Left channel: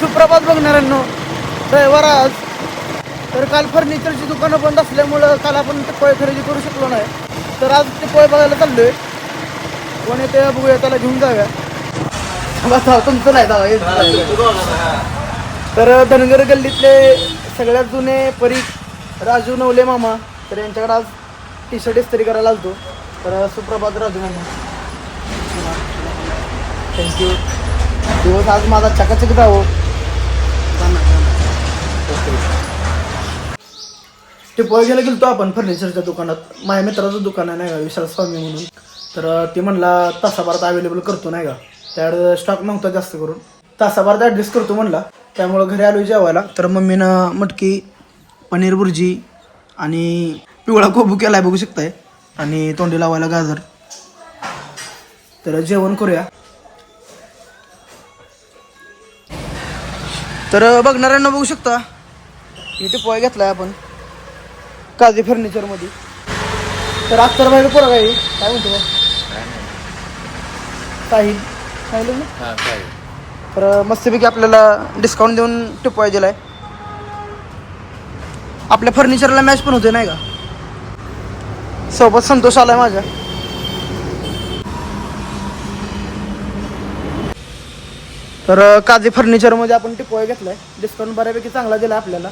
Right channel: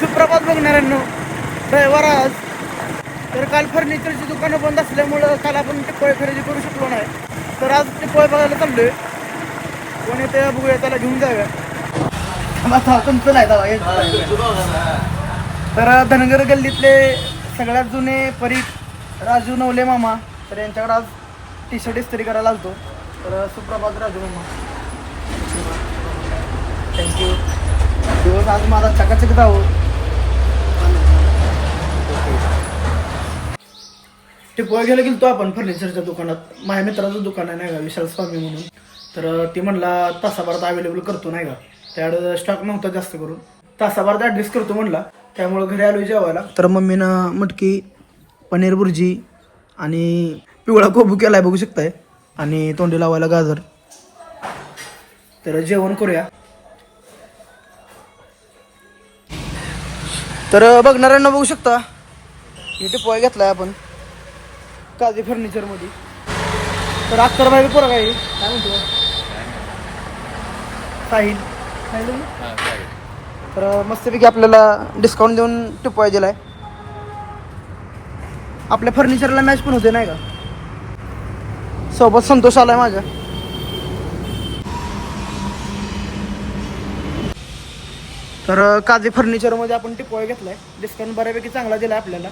सुप्रभात बघणाऱ्यांनो, ड्रायव्हर आज. तर काल फर्निचरची दुकानं बंद असल्यामुळं काल आपण टिपोळे खरेदी करू शकलो नाही. तर आज टिपोळे बघायला चाललोय. कोण येते बघूया, त्याला घेऊन जाऊया. तुमचं नाही दावा. तर धनगर गल्लीतले सगळ्यात जुने परीख राजू नवले मामा, तर यांच्याकडे आज टी शर्ट इस्त्री करायला आलतो. तर सुप्रभात राजू मामा, थँक्यू. दिवस आज माझा चकाचक जावं. टिपोळे गेला गेलतो आपण फर्निचरच्या दुकानात. माझ्या मित्राचं दुकान आहे नाही का, विशाल स्वामी म्हणून. तर ते म्हणला तासाभरात अवेलेबल करतो नाही का. त्याकडे स्टॉक नव्हता जास्त करून, तासाभरात ॲडजस्ट करतो म्हणला. त्यामुळं घरी आलो जेवायला. तर मम्मीनं मटकी, पनीर भुर्जी आणि पिवळा कोबू केला आहे बघू शकताय, आणि तोंडी लावायला गाजर. तर जेवण करूया. तर बघणाऱ्यांना बघू शकता, इथे पोय घेतलाय आपण काजी फर्निचरमध्ये. तर अख्तर बाहेर पोरं काय म्हणतो साहिल साहिल ना. तर मस्तपैकी आपल्याला डिस्काउंट देऊन टिपोय दिलाय. आपल्या फर्निचरला मॅच पण होते नाही का. सोबत संतोष आलाय माझ्या. तर काजी फर्निचरमध्ये आपण टिपोय घेतलाय. डिस्काउंट बऱ्यापैकी चांगला दिला आपल्याला.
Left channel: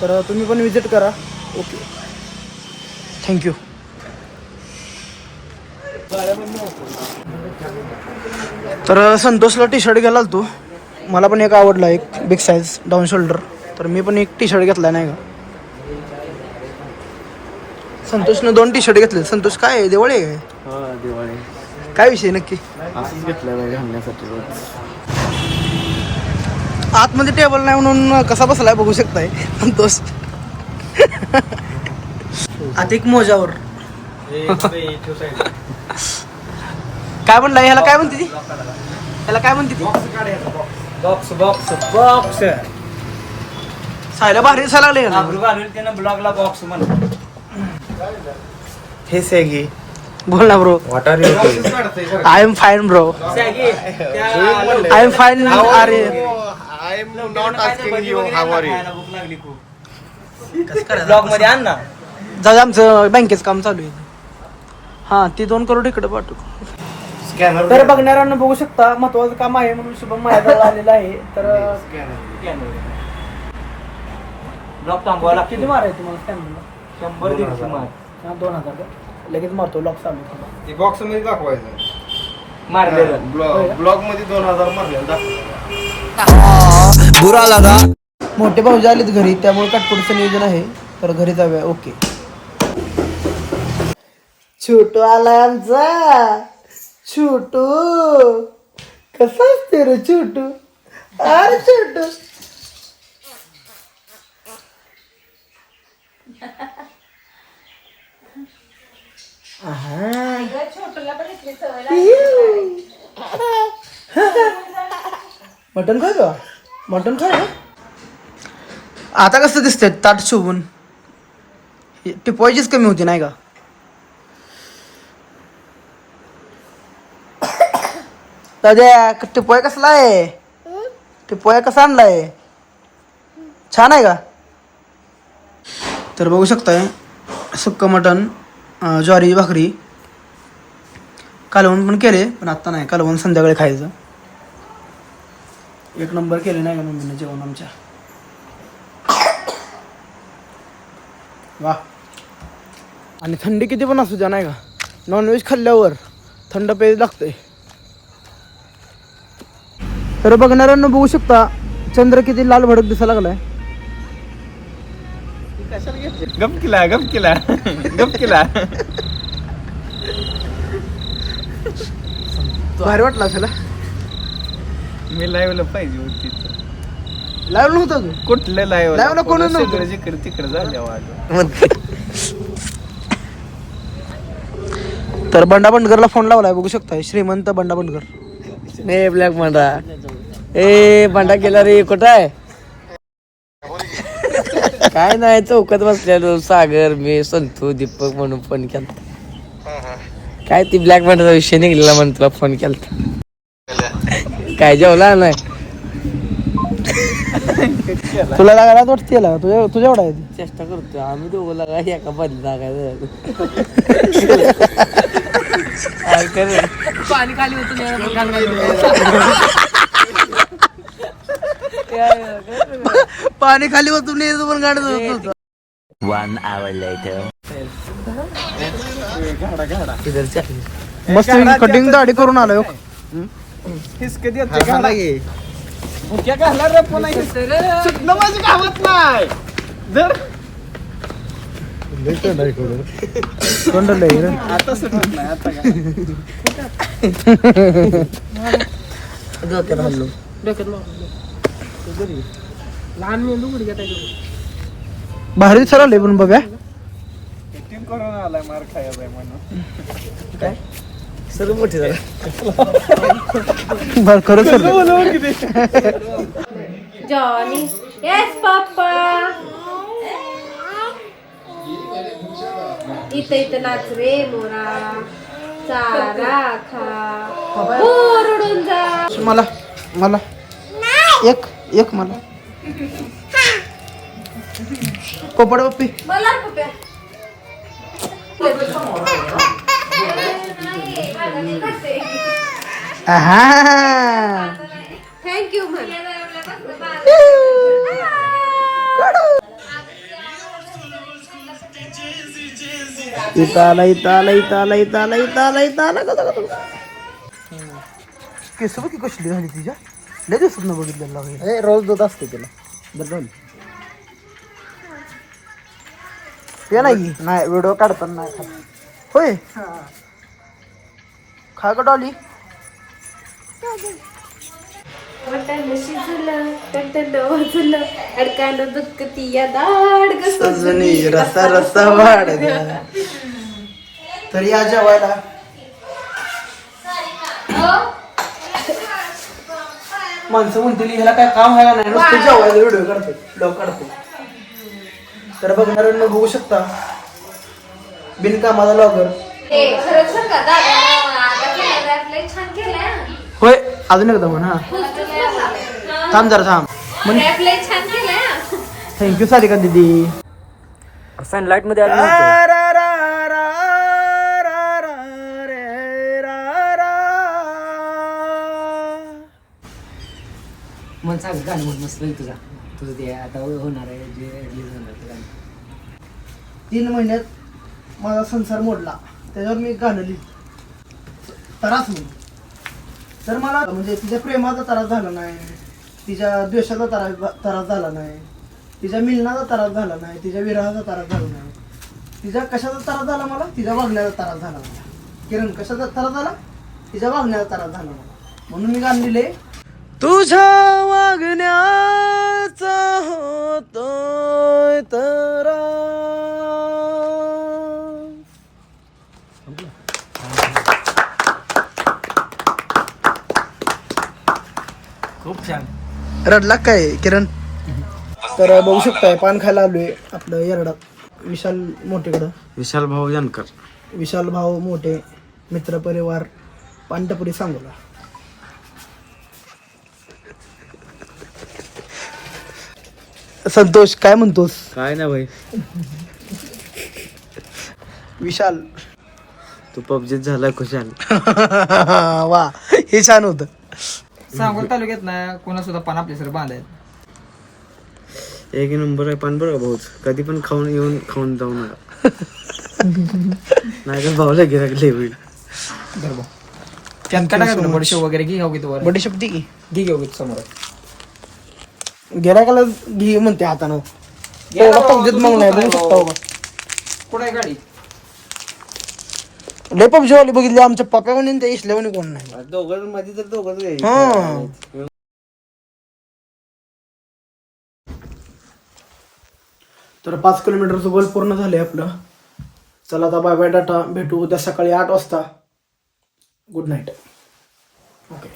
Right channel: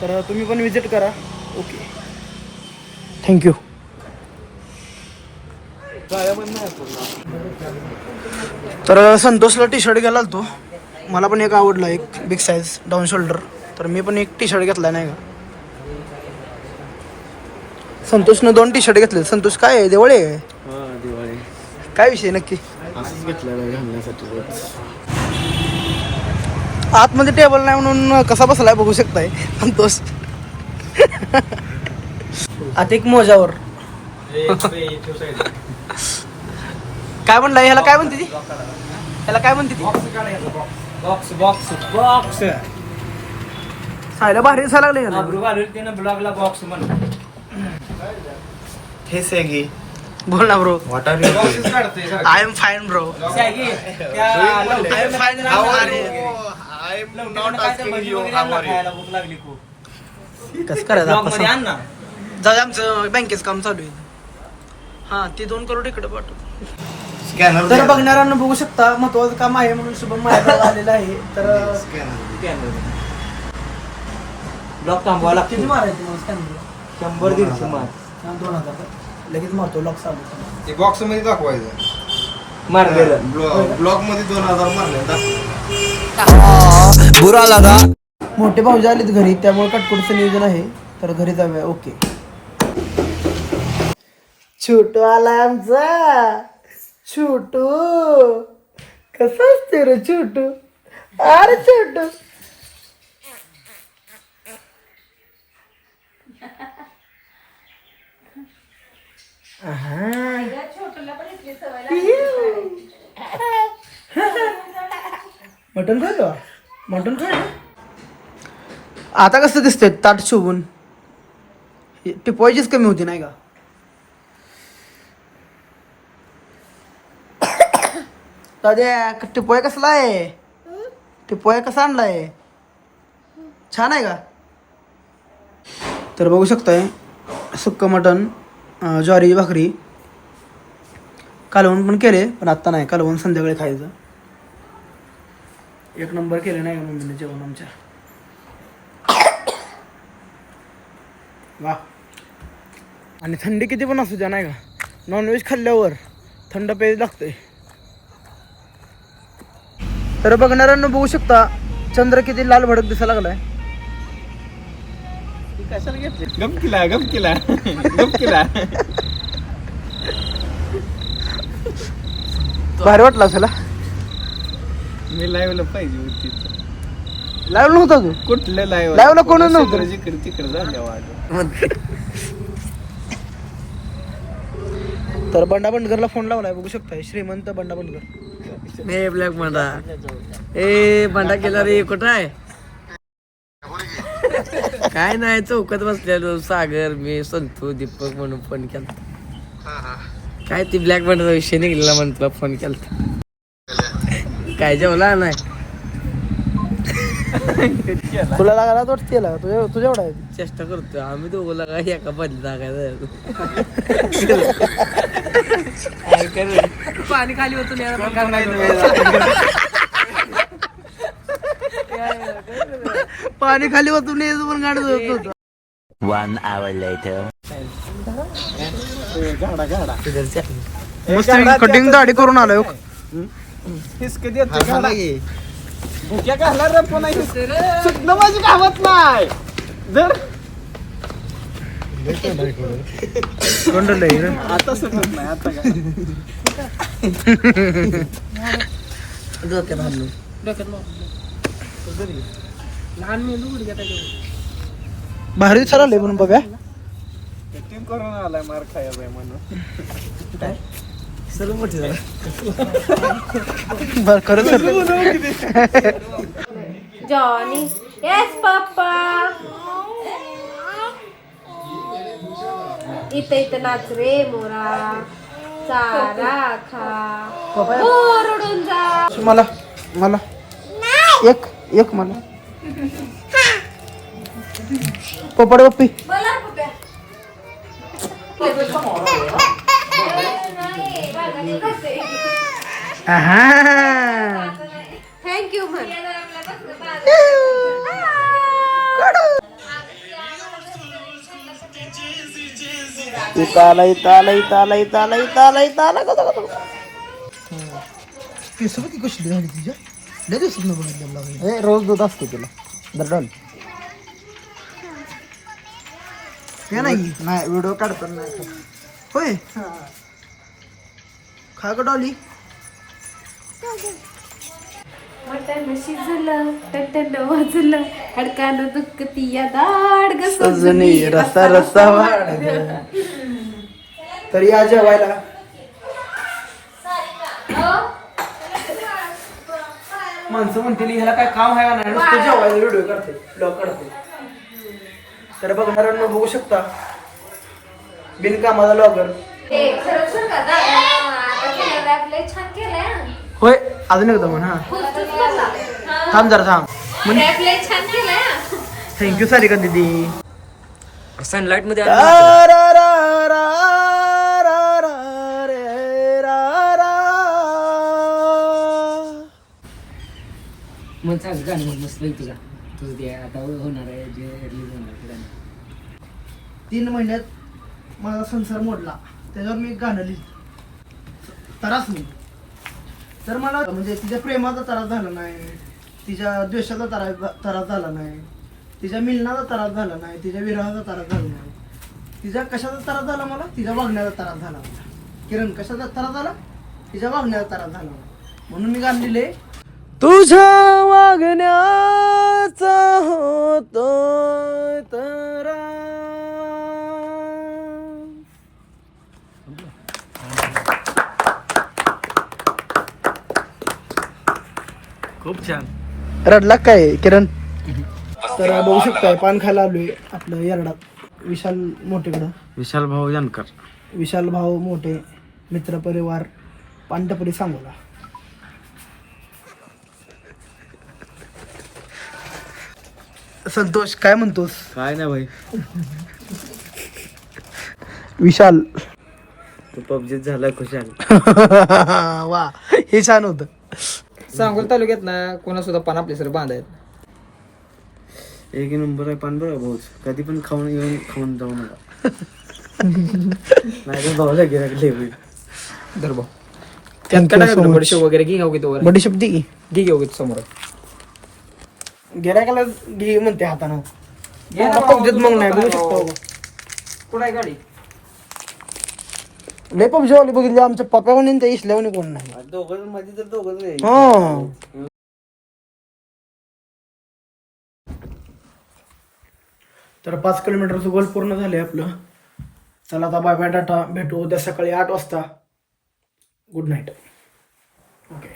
तर तुम्ही पण विजिट करा. Okay, thank you. तर संतोषला टी शर्ट घ्यायला आलतो. मला पण एक आवडला, एक बिग साईज डाऊन शोल्डर. तर मी पण एक टी शर्ट घेतला नाही का. संतोषनं 2 टी शर्ट घेतले. संतोष काय आहे, दिवाळी आहे दिवाळी काय विषय नक्की? असंच घेतलं घालण्यासाठी. आतमध्ये टेबल नाही म्हणून कसा बसलाय बघू शकताय संतोष. आता एक मोजावर काय म्हणला, ह्याला काय म्हणते ती, ह्याला काय म्हणते ती? बॉक्स बॉक्स बॉक्स सायला भारी दिसायला लागले का? त्यानं ब्लॉगला बॉक्स म्हणतो. हे सॅगी बोल ना bro. What are you? I am fine bro. I am fine. अरे भूक लागली खूप. कसं करायचं? जाऊ, आमचं बँकेचं काम चालू आहे. हा, ते 2 करोड इकडे पाठवू. तर बघणाऱ्यांना बघू शकता, महत्वाचं काम आहे म्हणून शुभम माझ्याजवळ आलेला आहे. तर किती मारायचं मला स्कॅनरला? 100-150 मार. 2000 लगेच मारतो. लॉक चालू बॉक्स मध्ये दाखवायचं. मारलेलं ब्लॉक मध्ये 2000 मारले. बुरा लगा. मोठे भाऊजी आलेत घरी, त्यामुळे काटकोडचं नियोजन आहे. तर घरी जाऊया. ओके. छोटू आलाय आमचा. छोटू कसा असते रे छोटू? अरे छोटू मटन खाय का? मटन खाय. आता कसं दिसतंय ताट शोभून. टिपोयचीच कमी होती नाही का. टिपोय कसला आहे? टिपोय कसा आणलाय? छान आहे का? तर बघू शकताय, सुक्क मटन, ज्वारी भाकरी, कालवण पण केले, पण आत्ता नाही. कालवण संध्याकाळी खायचं. एक नंबर केले नाही का मम्मीने जेवण आमच्या. वा. आणि थंडी किती पण असू द्या नाही का, नॉनव्हेज खाल्ल्यावर थंड पेज लागते. तर बघणाऱ्यांना बघू शकता, चंद्र किती लाल भडक दिसायला लागलाय. गप केला भारी वाटला असेल. मी लाईव्हला पाहिजे होती. लाईव्ह नव्हता तू? कुठलं लाईव्हला कोण नव्हतं? जिकडे तिकडे झाल्या. तर बंडा बंडगरला फोन लावलाय बघू शकताय. श्रीमंत बंडा बंडगर. ए ब्लॅक भांडा, ए भांडा केला रे. कुठं आहे? काय नाही, चौकात बसलेलो. सागर, मी, संतू, दीपक म्हणून फोन केला. काय ती ब्लॅक भांड्याचा विषय निघलेला म्हणून तुला फोन केला. काय जेवला नाही? तुला लागायला वाटते त्याला तुझ्या एवढा आहे ती. चेष्टा करतो आम्ही दोघं लागा एका बंद लागायचं पाणी खाली होतं पाणी खाली होतून यायचं पण गाडीत होत नव्हतं. 1 hour later. मस्त कटिंग दाढी करून आलोय लहान मेंदू गुडघ्या बाहेर दिसायला आले पण बघा सर्व मोठी झाला बरं खरं सर जॉनी येस पप्पा इथं नाच रे मोरा चारा खा ओरडून जा मला मला एक मला पोपट पप्पी बोला पप्प्या थँक्यू म्हण केस बघ की कसली झाली तिच्या लय दिवसात न बघितलेलं रोज दूध असतो तुला दरडॉल ते नाही व्हिडिओ काढताना नाही खात होय खा का डॉली वाटाणं शिजलं टटलं वाजलं अडकानं दुखती या दाड सजनी रसा रसा वाढ तरी या जेवायला माणसं म्हणतील ह्याला काय काम आहे का नाही नुसतं जेवायला व्हिडिओ काढते तर बघणाऱ्यांना बघू शकता बिनकामाचा लॉगर खरंच सांग का दादा आता केलं लय छान केलंय होय अजून एकदा म्हण हा थांब जरा थांब म्हण रॅप लय छान केलंय थँक्यू सारिका दीदी सनलाइट मध्ये मन सांग गाणं म्हण मस्त नाही तुझं ते आता होणार आहे जे रिलीज होणार ते गाणं 3 महिन्यात माझा संसार मोडला त्याच्यावर मी गाणं लिहिलं त्रास म्हणून तर मला म्हणजे तिच्या प्रेमाचा त्रास झाला नाही तिच्या द्वेषाचा त्रास झाला नाही तिच्या मिलनाचा त्रास झाला नाही तिच्या विरहाचा त्रास झाला नाही तिच्या कशाचा त्रास झाला मला तिच्या वागण्याचा त्रास झाला मला किरण कशाचा त्रास झाला तिच्या वागण्याचा त्रास झाला मला म्हणून मी गाणं लिहिले तुझ्या वागण्याचा होतोय त्रास. खूप छान रडला काय किरण तर बघू शकताय पान खायला आलोय आपलं येरडात विशाल मोठेकडं विशाल भाऊ जानकर विशाल भाऊ मोठे मित्रपरिवार पानटपरी सांगोला संतोष काय म्हणतोस काय ना भाई विशाल तू पबजीत झालाय खुशाल वा हे छान होतं सांगोल तालुक्यात ना कोणा सुद्धा पान आपले सर बांधायत एक नंबर आहे पण बरं भाऊ कधी पण खाऊन जाऊ नका नाही तर भाऊला गिराकले होईल धर भाऊ त्यात काय टाकायचं बडीशेप वगैरे घे घेऊ घेतो वर मोठी शब्दी की घे घेऊ घेतो समोर गिरायकाला घे म्हणते हातानं पबजीत मग नाही बघू शकता बाबा कुठं आहे गाडी लय पबजी वाली बघितली आमच्या पप्यावणी त्या इसल्यावणी कोण नाही दोघांमध्ये तर दोघंच हा तर 5 किलोमीटरचं गोल पूर्ण झालंय आपलं चला आता बाय बाय टाटा भेटू उद्या सकाळी 8 वाजता गुड नाईट ओके